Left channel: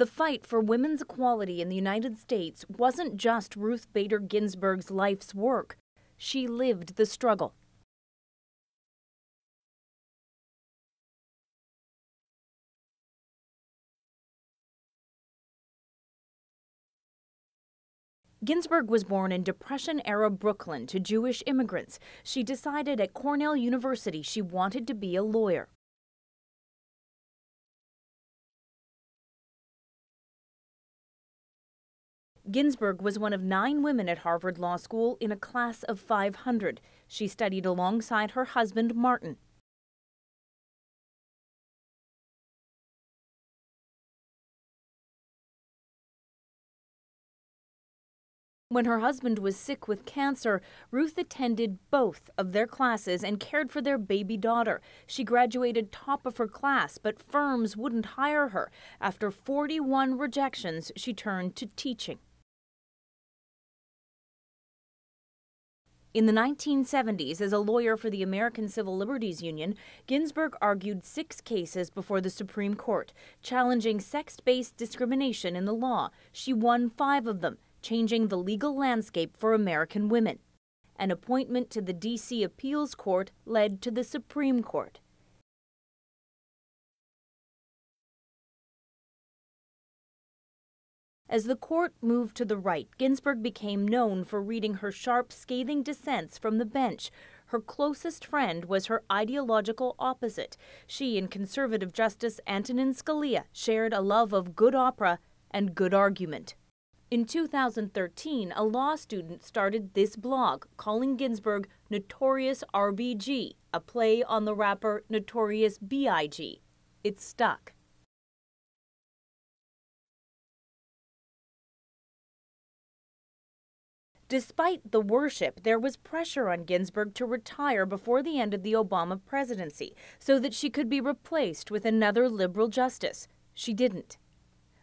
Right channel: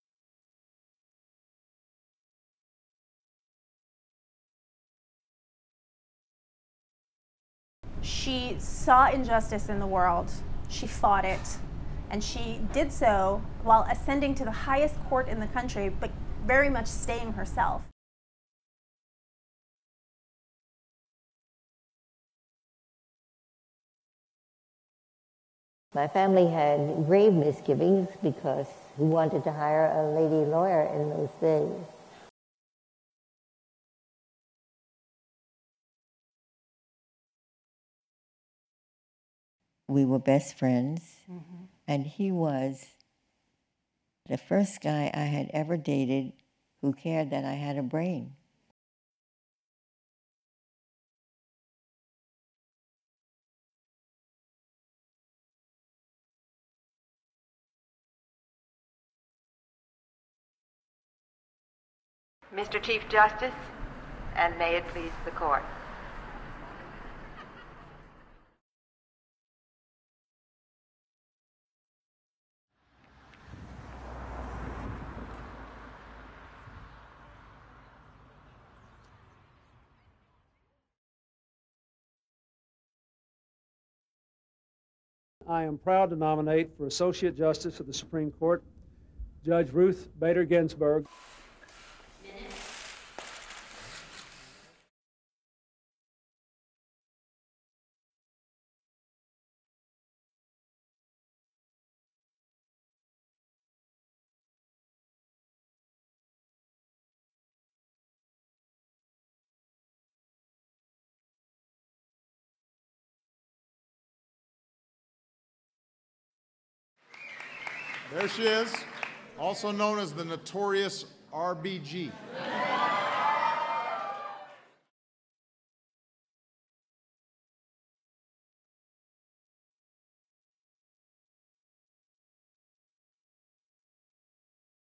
The fight for women's equality in the United States wasn't just Ruth Bader Ginsburg's life's work. She lived the struggle. She saw injustice in the world. She fought it. And she did so while ascending to the highest court in the country, but very much staying herself. Ginsburg was born in Depression-era Brooklyn to Jewish immigrants. She decided at Cornell University she wanted to be a lawyer. My family had grave misgivings because who wanted to hire a lady lawyer in those days? Ginsburg was one of 9 women at Harvard Law School in a class of 500. She studied alongside her husband, Martin. We were best friends, and he was the first guy I had ever dated who cared that I had a brain. When her husband was sick with cancer, Ruth attended both of their classes and cared for their baby daughter. She graduated top of her class, but firms wouldn't hire her. After 41 rejections, she turned to teaching. Mr. Chief Justice, and may it please the court. In the 1970s, as a lawyer for the American Civil Liberties Union, Ginsburg argued 6 cases before the Supreme Court, challenging sex-based discrimination in the law. She won 5 of them, changing the legal landscape for American women. An appointment to the D.C. Appeals Court led to the Supreme Court. I am proud to nominate for Associate Justice of the Supreme Court, Judge Ruth Bader Ginsburg. As the court moved to the right, Ginsburg became known for reading her sharp, scathing dissents from the bench. Her closest friend was her ideological opposite. She and conservative Justice Antonin Scalia shared a love of good opera and good argument. In 2013, a law student started this blog, calling Ginsburg Notorious RBG, a play on the rapper Notorious B.I.G. It stuck. There she is, also known as the Notorious RBG. Despite the worship, there was pressure on Ginsburg to retire before the end of the Obama presidency so that she could be replaced with another liberal justice. She didn't.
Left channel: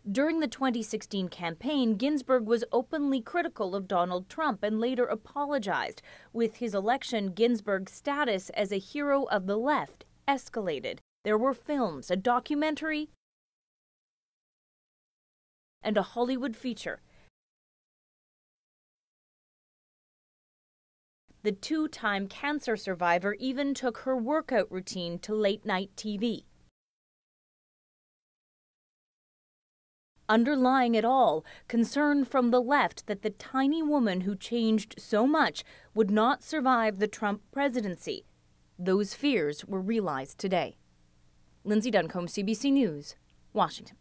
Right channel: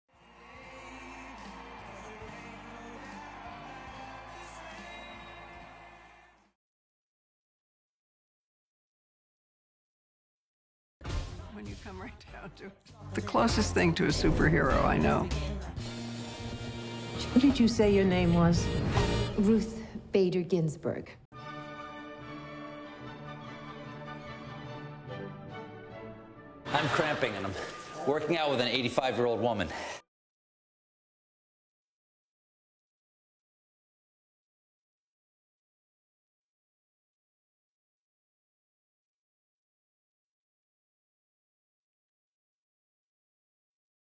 During the 2016 campaign, Ginsburg was openly critical of Donald Trump and later apologized. With his election, Ginsburg's status as a hero of the left escalated. There were films, a documentary, the closest thing to a superhero I know, and a Hollywood feature. What did you say your name was? Ruth Bader Ginsburg. The 2-time cancer survivor even took her workout routine to late-night TV. I'm cramping and I'm working out with an 85-year-old woman. Underlying it all, concern from the left that the tiny woman who changed so much would not survive the Trump presidency. Those fears were realized today. Lindsay Duncombe, CBC News, Washington.